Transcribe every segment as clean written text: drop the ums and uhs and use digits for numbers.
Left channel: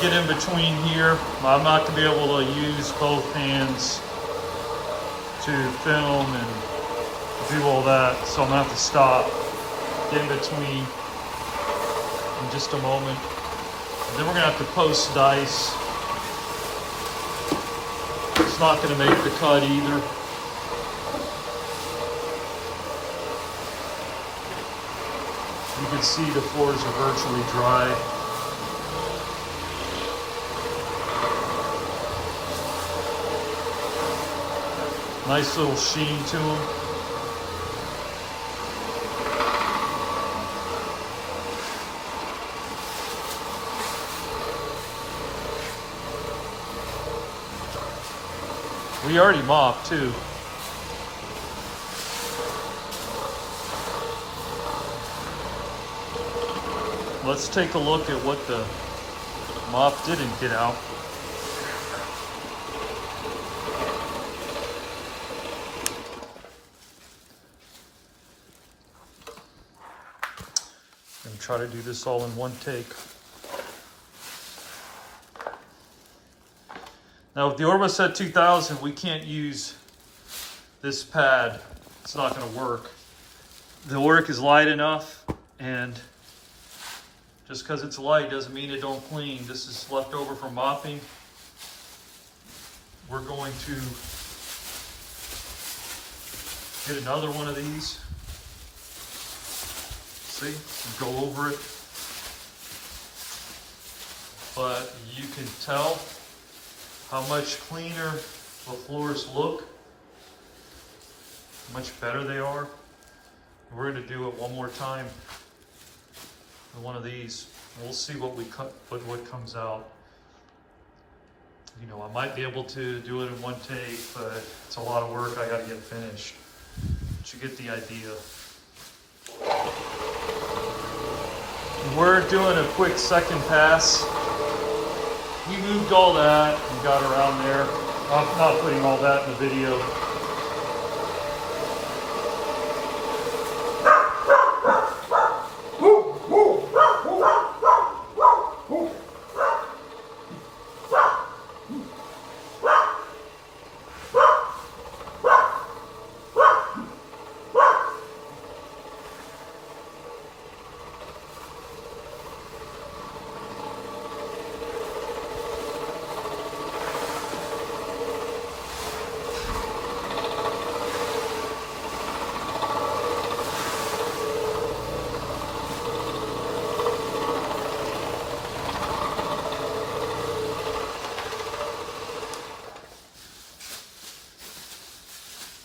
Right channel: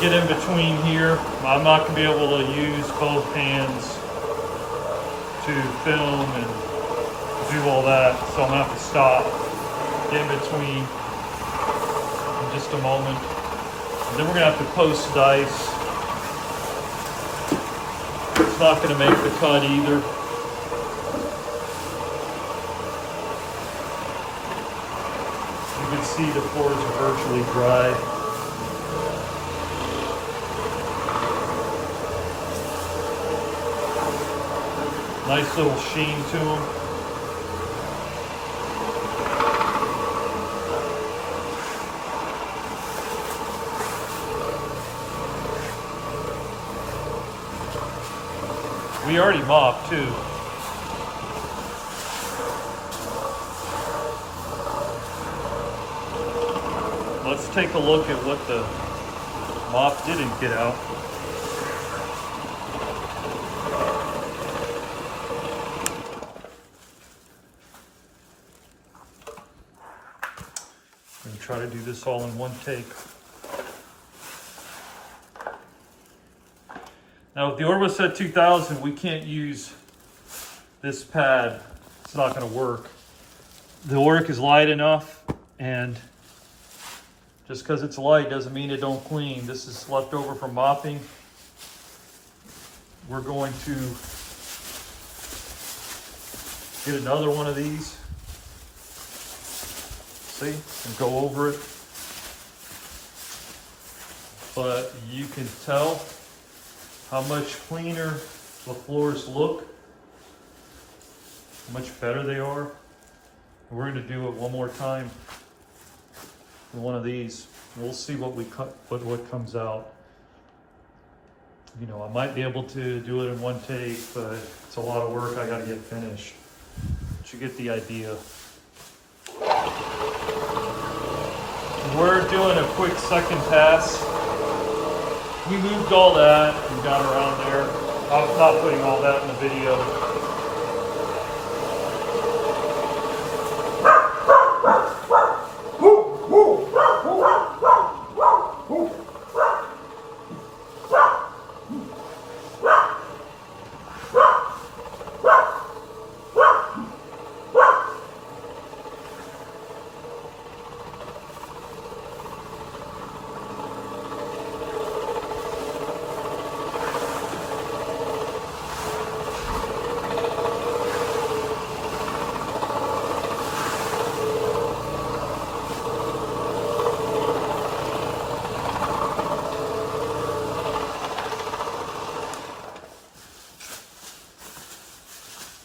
get in between here. I'm not going to be able to use both hands to film and do all that, so I'm going to have to stop, get in between in just a moment. And then we're going to have to post dice. It's not going to make the cut either. You can see the floors are virtually dry. Nice little sheen to them. We already mopped too. Let's take a look at what the mop didn't get out. And try to do this all in one take. Now with the Orbiset 2000, we can't use this pad. It's not going to work. The Oric is light enough, and just because it's light doesn't mean it don't clean. This is left over from mopping. We're going to get another one of these. See, and go over it. But you can tell how much cleaner the floors look, how much better they are. And we're going to do it one more time with one of these. We'll see what we cut, what comes out. You know, I might be able to do it in one take, but it's a lot of work. I got to get finished. But you get the idea. We're doing a quick second pass. We moved all that and got around there. I'm not putting all that in the video.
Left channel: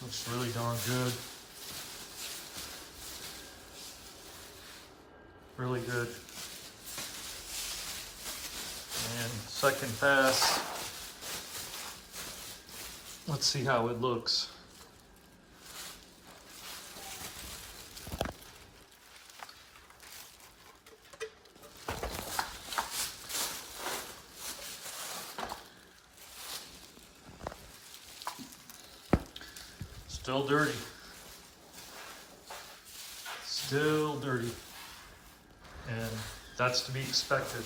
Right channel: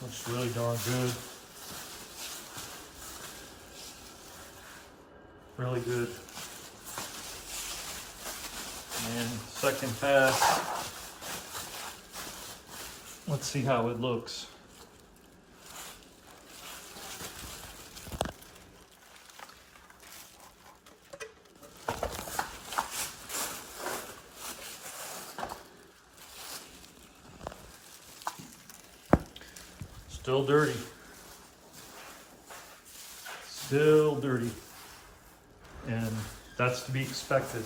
Looks really darn good. Really good. And second pass. Let's see how it looks. Still dirty. Still dirty. And that's to be expected.